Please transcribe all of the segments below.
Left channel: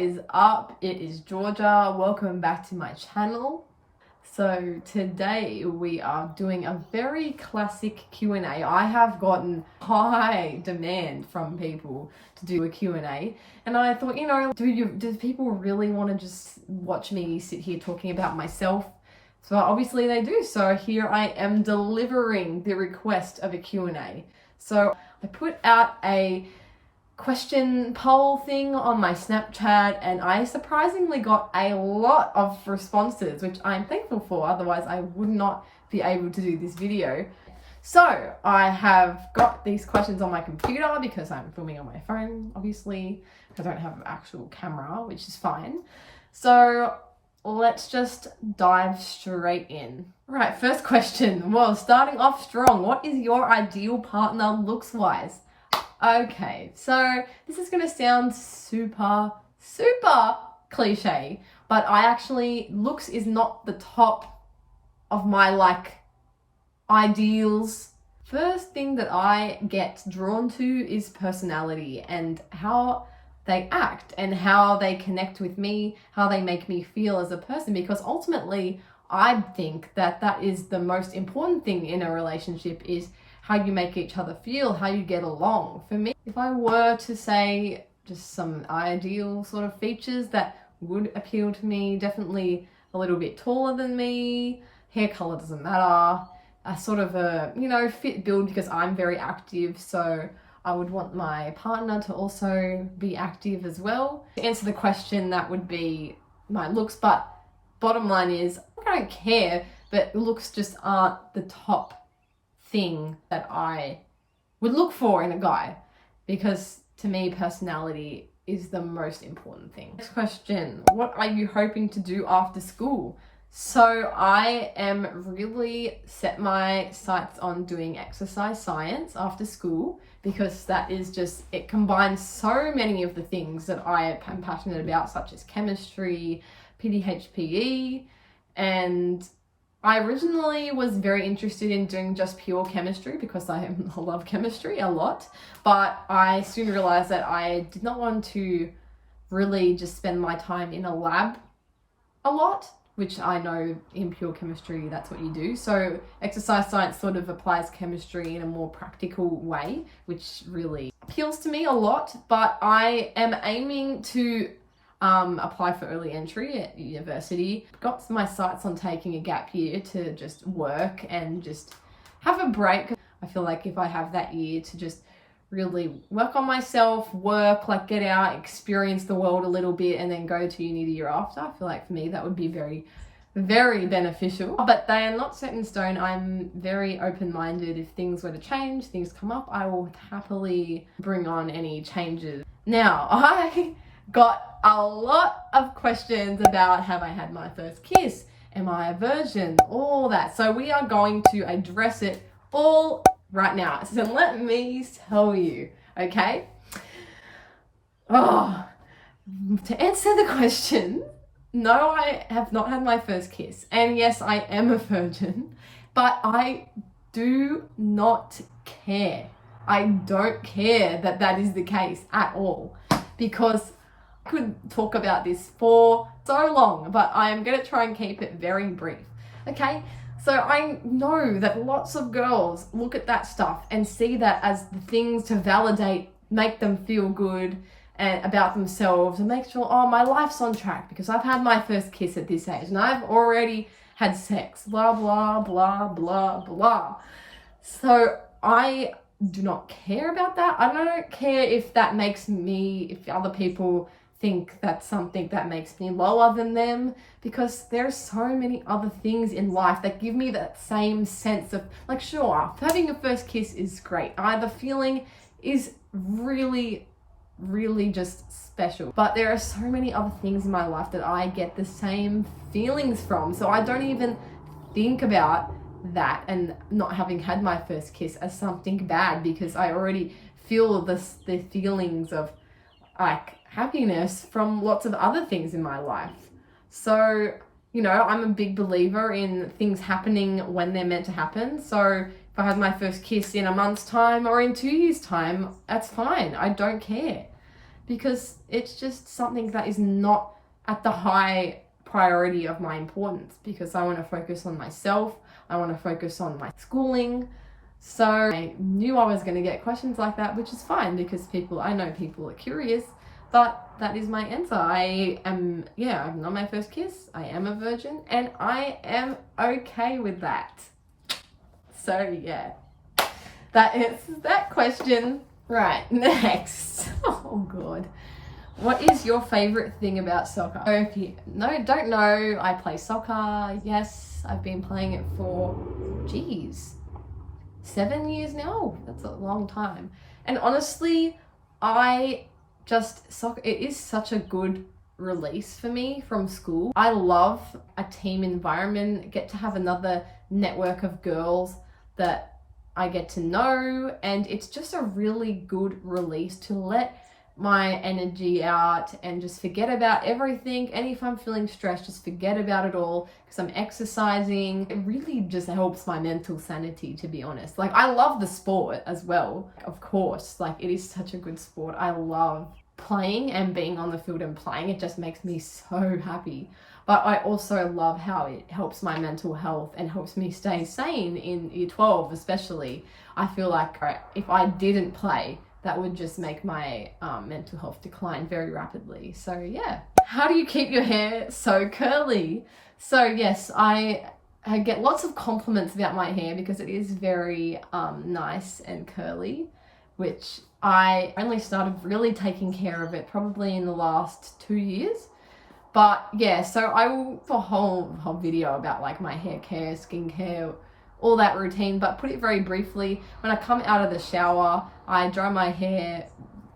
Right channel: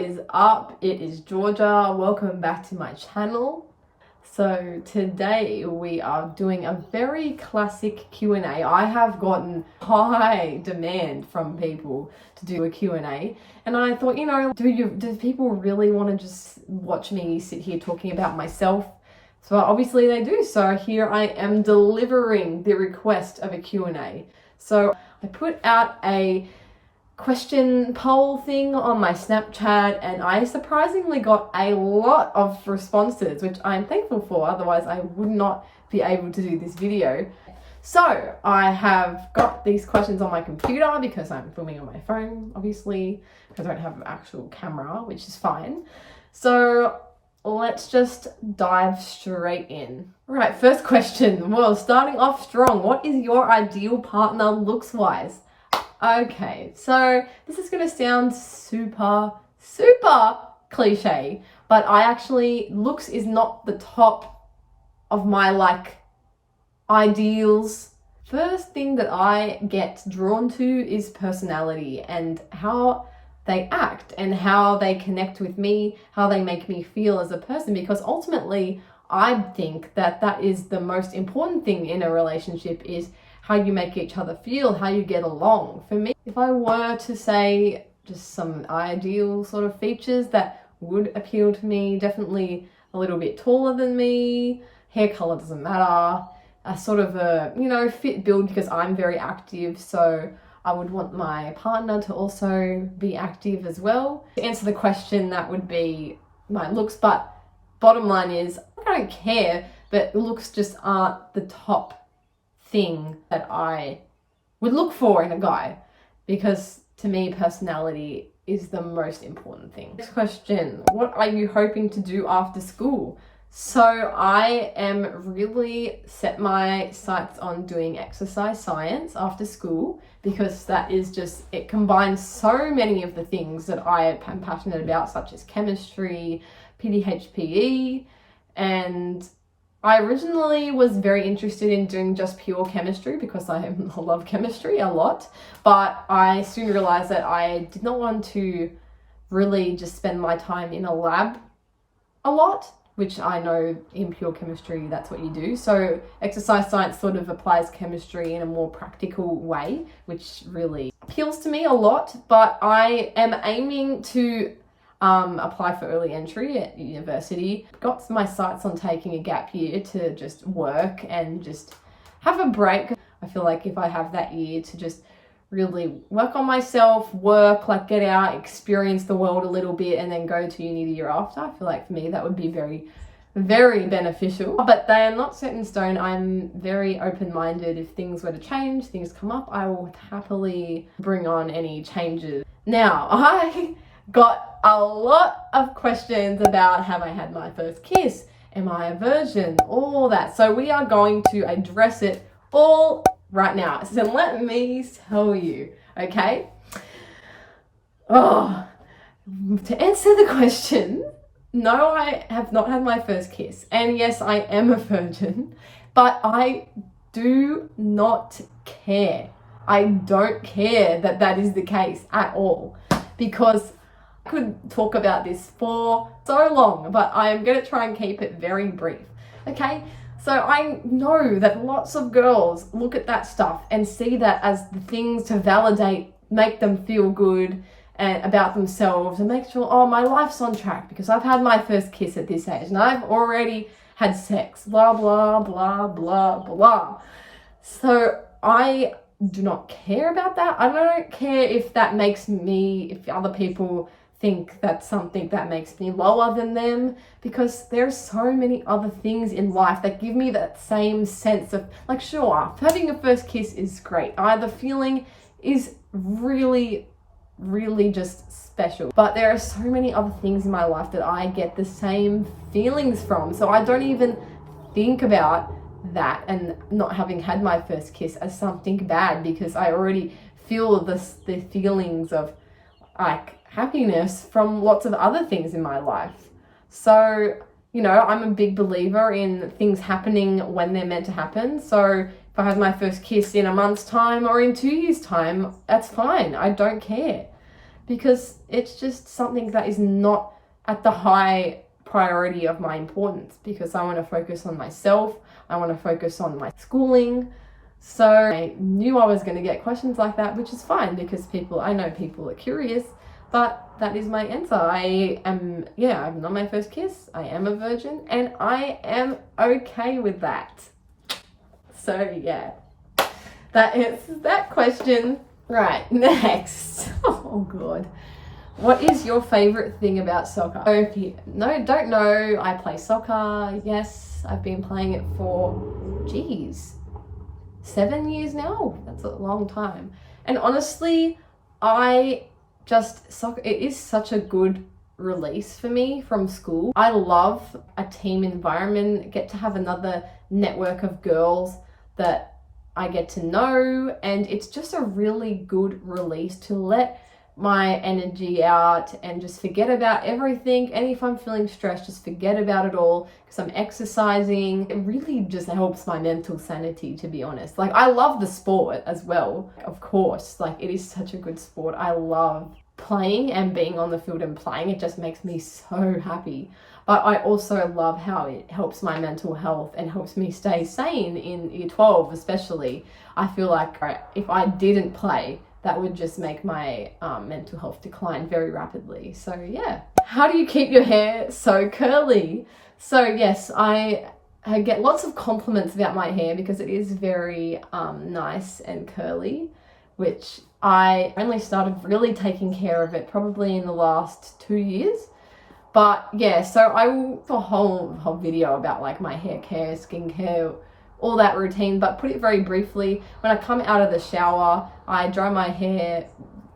is up? It is Georgia. Welcome back to my channel. So today we are doing a very classic Q&A. I have gotten high demand from people to do a Q&A, and I thought, do people really want to just watch me sit here talking about myself? So obviously they do. So here I am delivering the request of a Q&A. So I put out a question poll thing on my Snapchat, and I surprisingly got a lot of responses, which I'm thankful for. Otherwise I would not be able to do this video. So I have got these questions on my computer because I'm filming on my phone, obviously, because I don't have an actual camera, which is fine. So let's just dive straight in. All right, first question. Well, starting off strong. What is your ideal partner looks wise? Okay, so this is going to sound super cliche, but looks is not the top of my ideals. First thing that I get drawn to is personality and how they act and how they connect with me, how they make me feel as a person, because ultimately I think that is the most important thing in a relationship, is how you make each other feel, how you get along. For me, if I were to say just some ideal sort of features that would appeal to me, definitely a little bit taller than me, hair color doesn't matter, a sort of a, fit build, because I'm very active, so I would want my partner to also be active as well. To answer the question, that would be my looks, but bottom line is I don't care, but looks just aren't the top thing that I would look for in a guy, because to me personality is the most important thing. Next question, what are you hoping to do after school? So I am really set my sights on doing exercise science after school, because that is just, it combines so many of the things that I am passionate about, such as chemistry, PDHPE, and I originally was very interested in doing just pure chemistry because I love chemistry a lot, but I soon realized that I did not want to really just spend my time in a lab a lot, which I know in pure chemistry, that's what you do. So exercise science sort of applies chemistry in a more practical way, which really appeals to me a lot, but I am aiming to apply for early entry at university. Got my sights on taking a gap year to just work and just have a break. I feel like if I have that year to just really work on myself, work, get out, experience the world a little bit, and then go to uni the year after, I feel like for me that would be very beneficial. But they are not set in stone. I'm very open-minded. If things were to change, things come up, I will happily bring on any changes. Now, I got a lot of questions about, have I had my first kiss? Am I a virgin? All that. So we are going to address it all right now. So let me tell you, okay? To answer the question, no, I have not had my first kiss. And yes, I am a virgin, but I do not care. I don't care that is the case at all, because I could talk about this for so long, but I am going to try and keep it very brief. Okay, so I know that lots of girls look at that stuff and see that as the things to validate, make them feel good and about themselves, and make sure, oh, my life's on track because I've had my first kiss at this age and I've already had sex, blah, blah, blah, blah, blah. So I do not care about that. I don't care if that makes me, if other people think that's something that makes me lower than them, because there's so many other things in life that give me that same sense of, sure, having a first kiss is great. The feeling is really just special, but there are so many other things in my life that I get the same feelings from, so I don't even think about that and not having had my first kiss as something bad, because I already feel the feelings of happiness from lots of other things in my life. So, I'm a big believer in things happening when they're meant to happen. So if I had my first kiss in a month's time or in 2 years' time, that's fine. I don't care. because it's just something that is not at the high priority of my importance, because I want to focus on myself. I want to focus on my schooling. So I knew I was going to get questions like that, which is fine because I know people are curious, but that is my answer. I'm not my first kiss. I am a virgin and I am okay with that. So yeah, that answers that question. Right, next. Oh God. What is your favorite thing about soccer? So if you don't know, I play soccer. Yes, I've been playing it for, 7 years now. That's a long time. And honestly, soccer, it is such a good release for me from school. I love a team environment, get to have another network of girls that I get to know, and it's just a really good release to let my energy out and just forget about everything. And if I'm feeling stressed, just forget about it all because I'm exercising. It really just helps my mental sanity, to be honest. Like, I love the sport as well, of course. Like, it is such a good sport. I love playing and being on the field and playing. It just makes me so happy. But I also love how it helps my mental health and helps me stay sane in year 12 especially. I feel like if I didn't play, that would just make my mental health decline very rapidly. So yeah. How do you keep your hair so curly? So yes, I get lots of compliments about my hair because it is very nice and curly, which I only started really taking care of it probably in the last 2 years. But yeah, so I will do a whole video about like my hair care, skincare, all that routine, but put it very briefly. When I come out of the shower, I dry my hair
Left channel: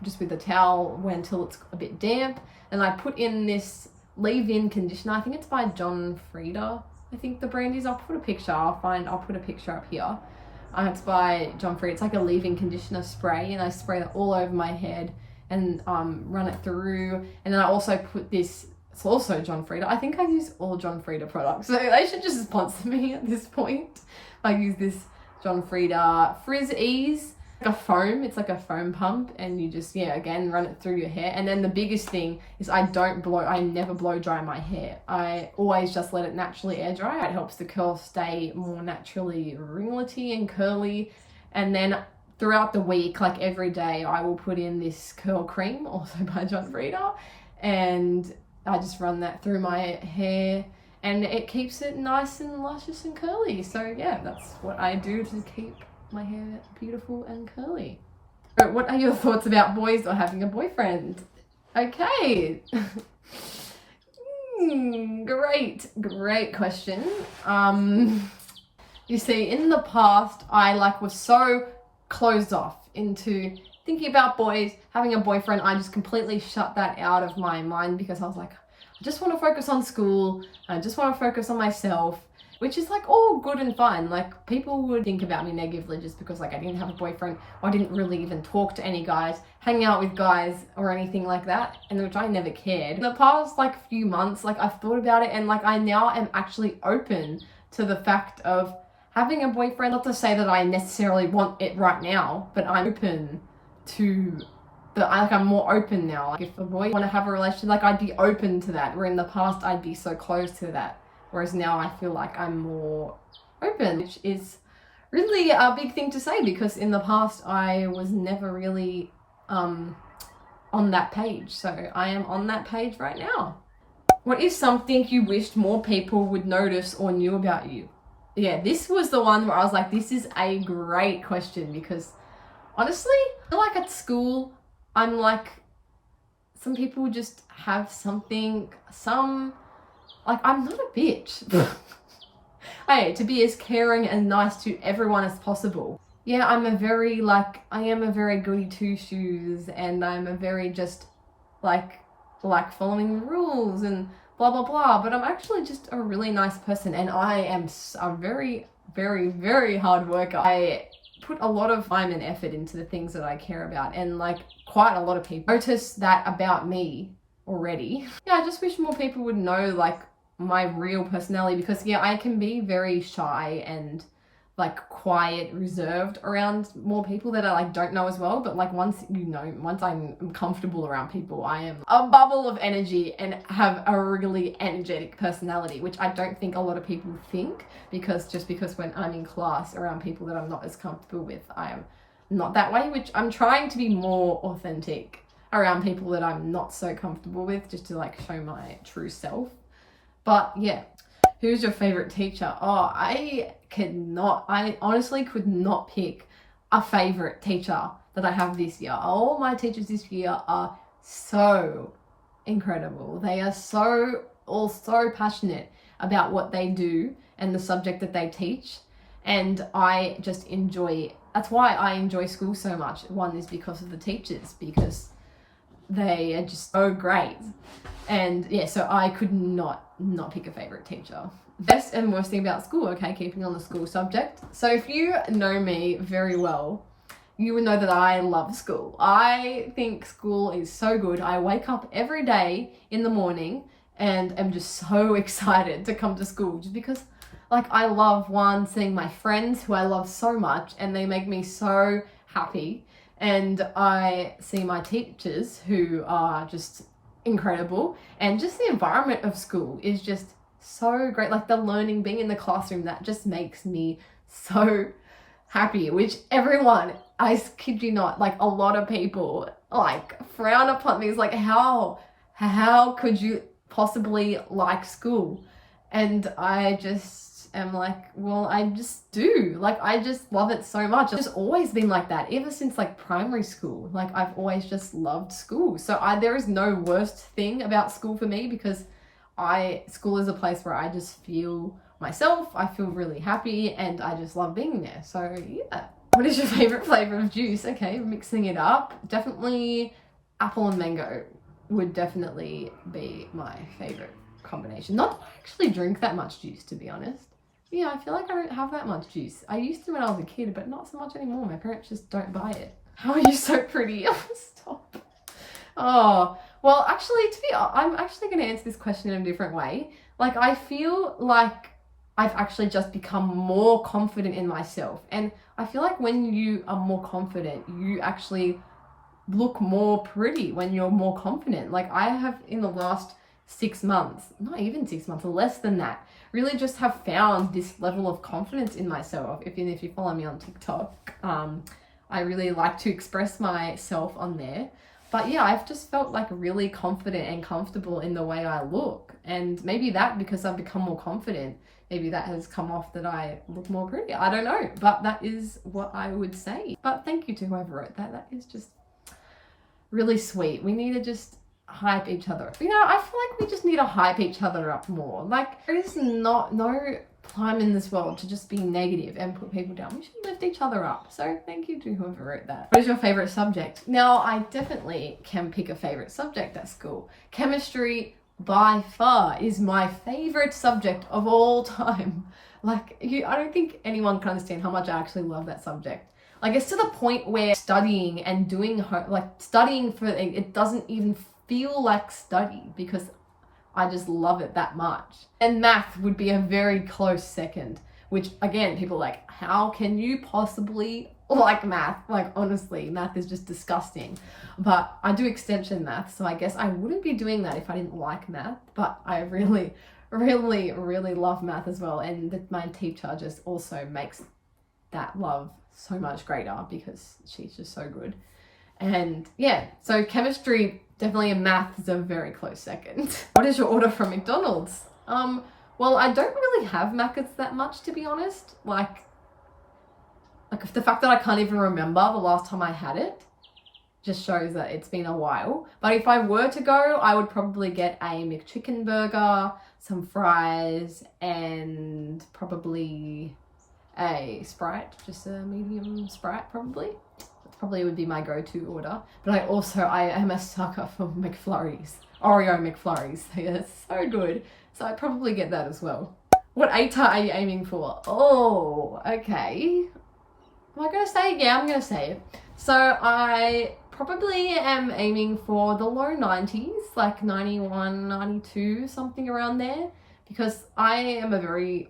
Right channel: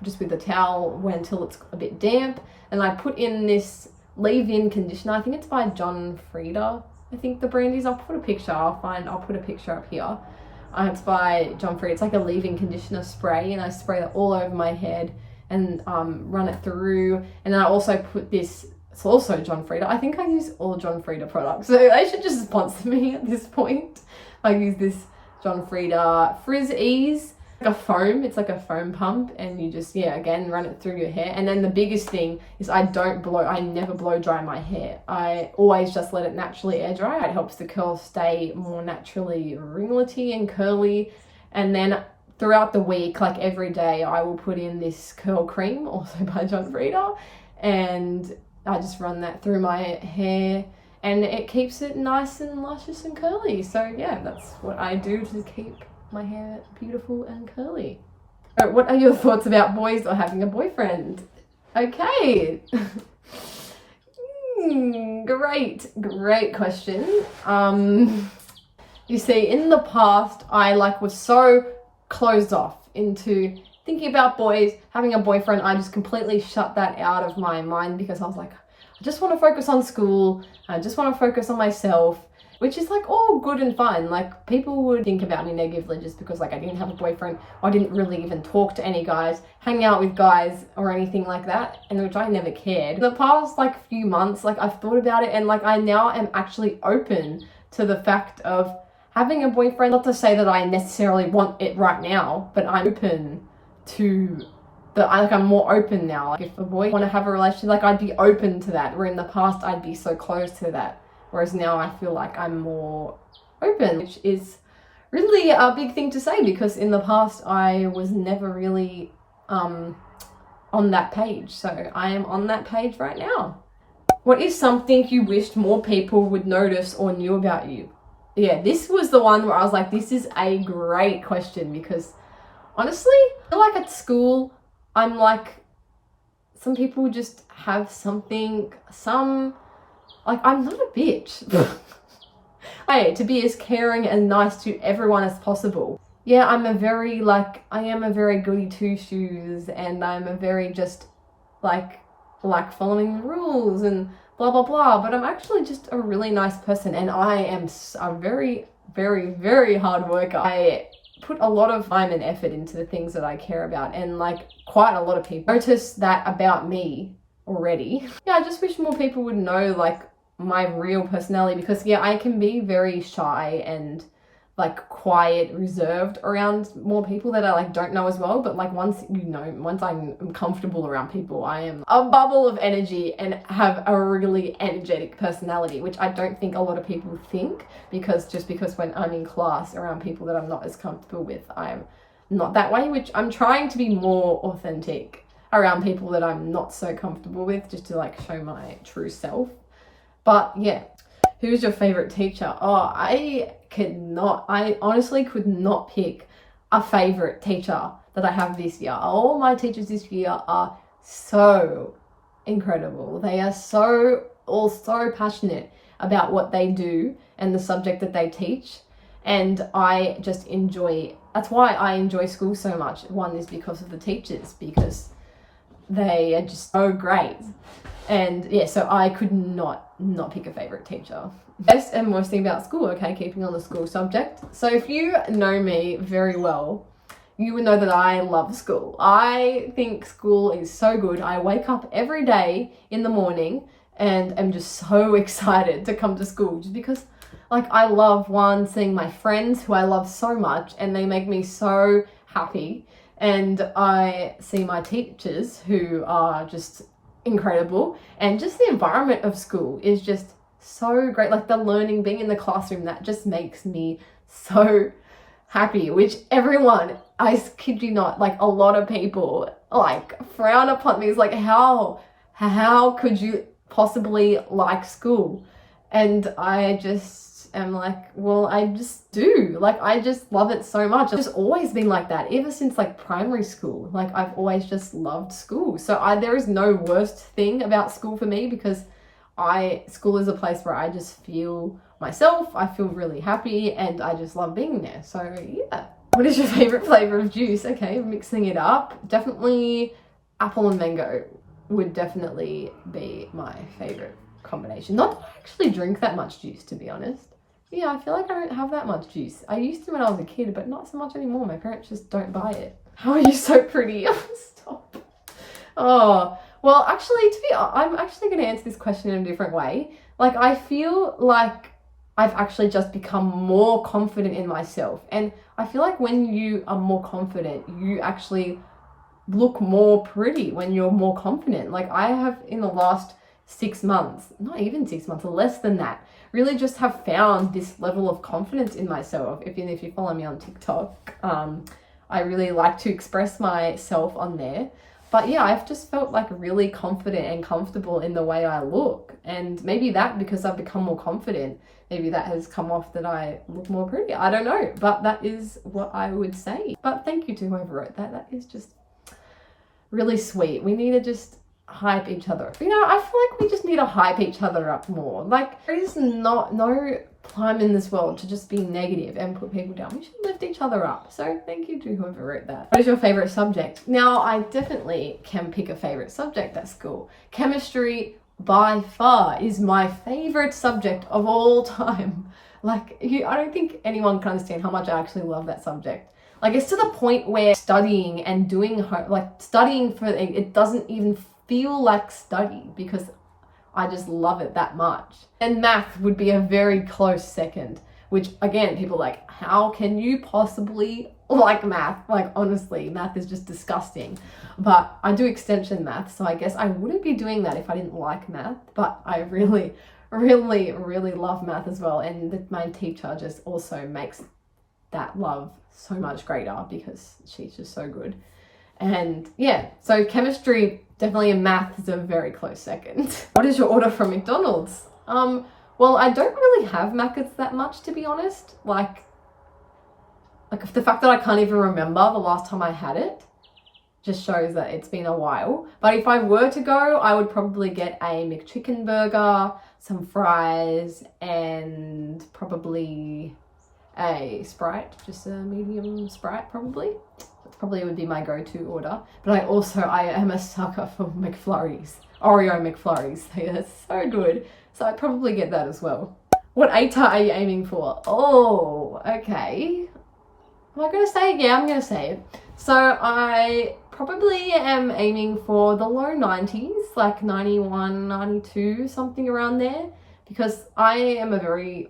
just with the towel until it's a bit damp, and I put in this leave-in conditioner. I think it's by John Frieda. I think the brand is. I'll put a picture. I'll put a picture up here. It's by John Frieda. It's like a leave-in conditioner spray, and I spray that all over my head and run it through. And then I also put this. It's also John Frieda. I think I use all John Frieda products, so they should just sponsor me at this point. I use this John Frieda Frizz Ease, like a foam. It's like a foam pump, and you just, again, run it through your hair. And then the biggest thing is I never blow dry my hair. I always just let it naturally air dry. It helps the curls stay more naturally ringlety and curly. And then throughout the week, like every day, I will put in this curl cream, also by John Frieda, and I just run that through my hair, and it keeps it nice and luscious and curly. So yeah, that's what I do to keep my hair beautiful and curly. So what are your thoughts about boys or having a boyfriend? Okay. Great question. You see, in the past, I was so closed off into thinking about boys, having a boyfriend. I just completely shut that out of my mind because I was like, I just want to focus on school. I just want to focus on myself, which is like all good and fine. Like, people would think about me negatively just because I didn't have a boyfriend, or I didn't really even talk to any guys, hang out with guys or anything like that, and which I never cared. In the past few months, I've thought about it, and I now am actually open to the fact of having a boyfriend. Not to say that I necessarily want it right now, but I'm open to I'm more open now. If a boy want to have a relationship, I'd be open to that, where in the past I'd be so closed to that, whereas now I feel like I'm more open, which is really a big thing to say because in the past I was never really on that page. So I am on that page right now. What is something you wished more people would notice or knew about you? Yeah, this was the one where I was like, this is a great question, because honestly, I feel like at school, I'm some people just have something, I'm not a bitch. To be as caring and nice to everyone as possible. Yeah, I am a very goody two-shoes, and I'm a very just like following the rules and blah, blah, blah. But I'm actually just a really nice person, and I am a very, very, very hard worker. I put a lot of time and effort into the things that I care about, and quite a lot of people notice that about me already. Yeah, I just wish more people would know my real personality, because I can be very shy and like quiet, reserved around more people that I like don't know as well. But like once I'm comfortable around people, I am a bubble of energy and have a really energetic personality, which I don't think a lot of people think, because when I'm in class around people that I'm not as comfortable with, I am not that way, which I'm trying to be more authentic around people that I'm not so comfortable with, just to like show my true self. But yeah. Who's your favorite teacher? Oh, I honestly could not pick a favorite teacher that I have this year. All my teachers this year are so incredible. They are all so passionate about what they do and the subject that they teach. And I just that's why I enjoy school so much. One is because of the teachers, because they are just so great. And yeah, so I could not pick a favorite teacher. Best and worst thing about school, okay, keeping on the school subject. So if you know me very well, you would know that I love school. I think school is so good. I wake up every day in the morning and am just so excited to come to school, just because like I love seeing my friends who I love so much, and they make me so happy. And I see my teachers who are just incredible, and just the environment of school is just so great. Like the learning, being in the classroom, that just makes me so happy, which everyone, I kid you not, like a lot of people like frown upon me. It's like, how could you possibly like school? And I just am like, well, I just do. Like, I just love it so much. It's just always been like that ever since like primary school. Like I've always just loved school. So there is no worst thing about school for me, because school is a place where I just feel myself. I feel really happy, and I just love being there. So yeah. What is your favorite flavor of juice? Okay, mixing it up. Definitely apple and mango would definitely be my favorite combination. Not that I actually drink that much juice, to be honest. Yeah, I feel like I don't have that much juice. I used to when I was a kid, but not so much anymore. My parents just don't buy it. How are you so pretty? Stop. Oh, well, actually, I'm actually going to answer this question in a different way. Like, I feel like I've actually just become more confident in myself. And I feel like when you are more confident, you actually look more pretty when you're more confident. Like I have, in the last 6 months, not even 6 months, less than that, really just have found this level of confidence in myself. If you follow me on TikTok, I really like to express myself on there. But yeah, I've just felt like really confident and comfortable in the way I look. And maybe that, because I've become more confident, maybe that has come off that I look more pretty. I don't know, but that is what I would say. But thank you to whoever wrote that. That is just really sweet. We need to just hype each other up. You know, I feel like we just need to hype each other up more. Like, there is no time in this world to just be negative and put people down. We should lift each other up. So thank you to whoever wrote that. What is your favorite subject? Now, I definitely can pick a favorite subject at school. Chemistry by far is my favorite subject of all time. Like, I don't think anyone can understand how much I actually love that subject. Like, it's to the point where studying and doing studying for it doesn't even feel like study, because I just love it that much. And math would be a very close second, which again, people are like, how can you possibly like math? Like, honestly, math is just disgusting. But I do extension math, so I guess I wouldn't be doing that if I didn't like math. But I really, really, really love math as well. And my teacher just also makes that love so much greater, because she's just so good. And yeah, so chemistry definitely, and math is a very close second. What is your order from McDonald's? Well, I don't really have Maccas that much, to be honest. Like the fact that I can't even remember the last time I had it just shows that it's been a while. But if I were to go, I would probably get a McChicken burger, some fries, and probably a Sprite, just a medium Sprite probably. That probably would be my go-to order. But I am a sucker for McFlurries, Oreo McFlurries. They are so good. So I'd probably get that as well. What ATAR are you aiming for? Oh, okay. Am I going to say it? Yeah, I'm going to say it. So I probably am aiming for the low 90s, like 91, 92, something around there. Because I am a very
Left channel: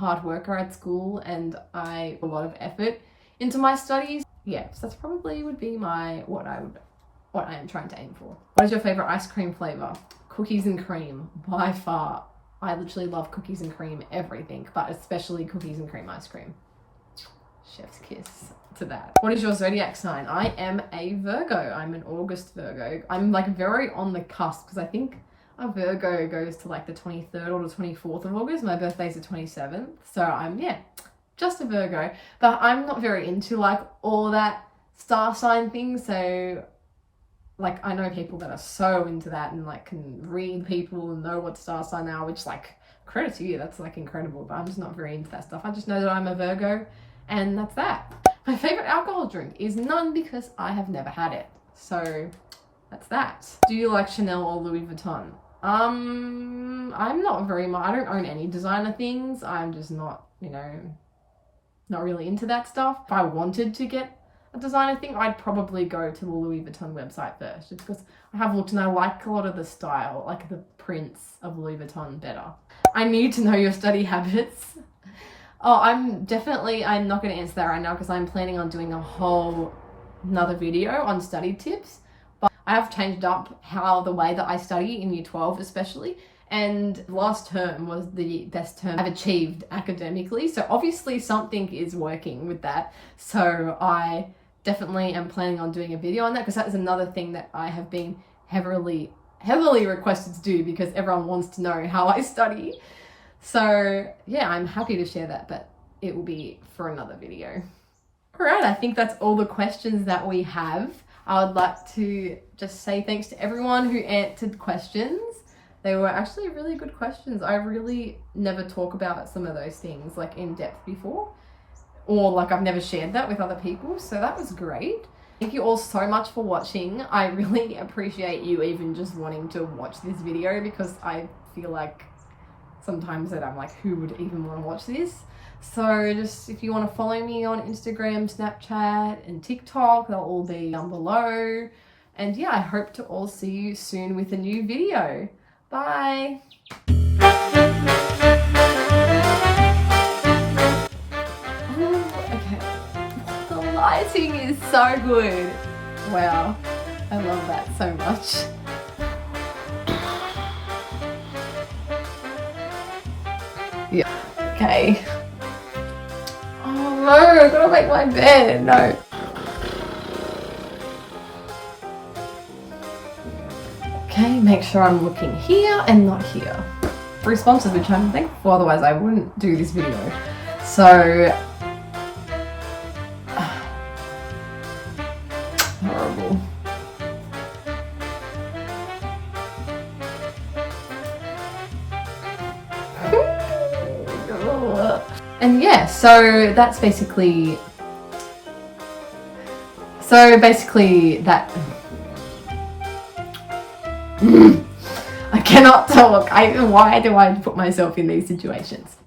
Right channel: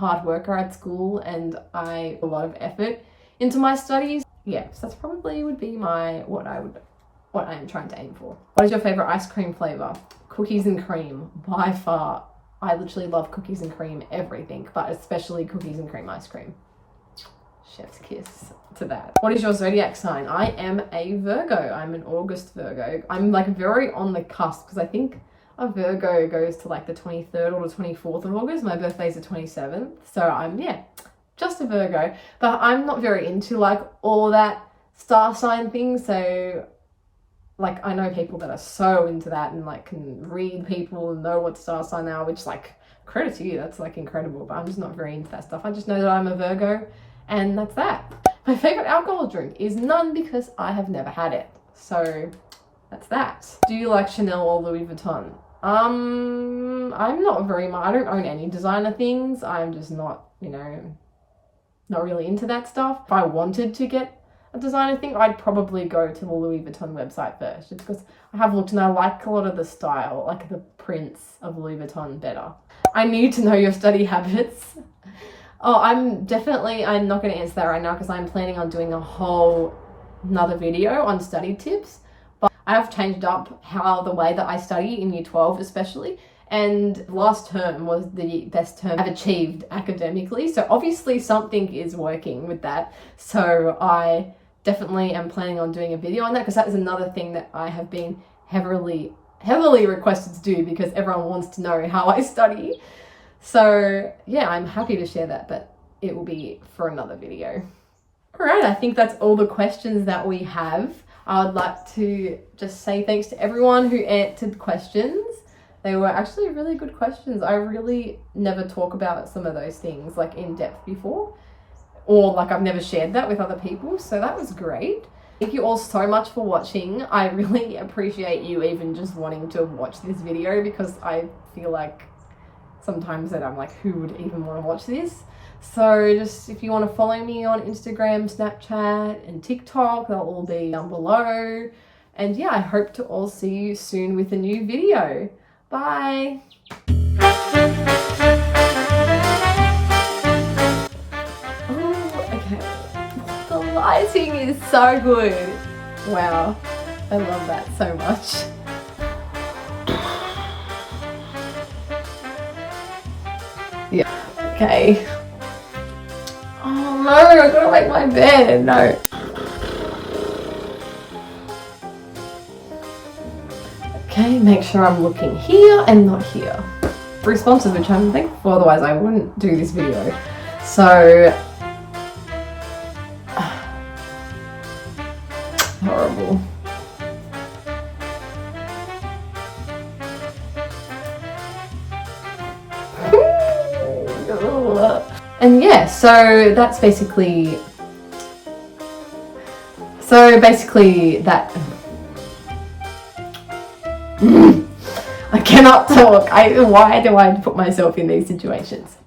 hard worker at school and I put a lot of effort into my studies. Yeah, so that's probably would be what I am trying to aim for. What is your favorite ice cream flavor? Cookies and cream, by far. I literally love cookies and cream, everything, but especially cookies and cream ice cream. Chef's kiss to that. What is your zodiac sign? I am a Virgo. I'm an August Virgo. I'm like very on the cusp because I think a Virgo goes to like the 23rd or the 24th of August. My birthday's the 27th. So I'm, yeah, just a Virgo. But I'm not very into like all that star sign thing. So like I know people that are so into that and like can read people and know what star sign they are, which like credit to you. That's like incredible. But I'm just not very into that stuff. I just know that I'm a Virgo and that's that. My favorite alcohol drink is none because I have never had it. So that's that. Do you like Chanel or Louis Vuitton? I'm not very much, I don't own any designer things. I'm just not, you know, not really into that stuff. If I wanted to get a designer thing, I'd probably go to the Louis Vuitton website first, just because I have looked and I like a lot of the style, like the prints of Louis Vuitton better. I need to know your study habits. Oh, I'm not going to answer that right now because I'm planning on doing another video on study tips. But I have changed up the way that I study in year 12 especially. And last term was the best term I've achieved academically. So obviously something is working with that. So I definitely am planning on doing a video on that because that is another thing that I have been heavily requested to do because everyone wants to know how I study. So yeah, I'm happy to share that, but it will be for another video. All right, I think that's all the questions that we have. I would like to just say thanks to everyone who answered questions. They were actually really good questions. I really never talk about some of those things like in depth before, or like I've never shared that with other people. So that was great. Thank you all so much for watching. I really appreciate you even just wanting to watch this video because I feel like sometimes that I'm like, who would even want to watch this? So just if you want to follow me on Instagram, Snapchat and TikTok, they'll all be down below. And yeah, I hope to all see you soon with a new video. Bye. Okay. The lighting is so good. Wow. I love that so much. Yeah. Okay. Oh no, I've got to make my bed. No. Okay, make sure I'm looking here and not here. Responses, which I'm thankful for, otherwise I wouldn't do this video. So, horrible. And yeah, so that's basically that. I cannot talk. Why do I put myself in these situations?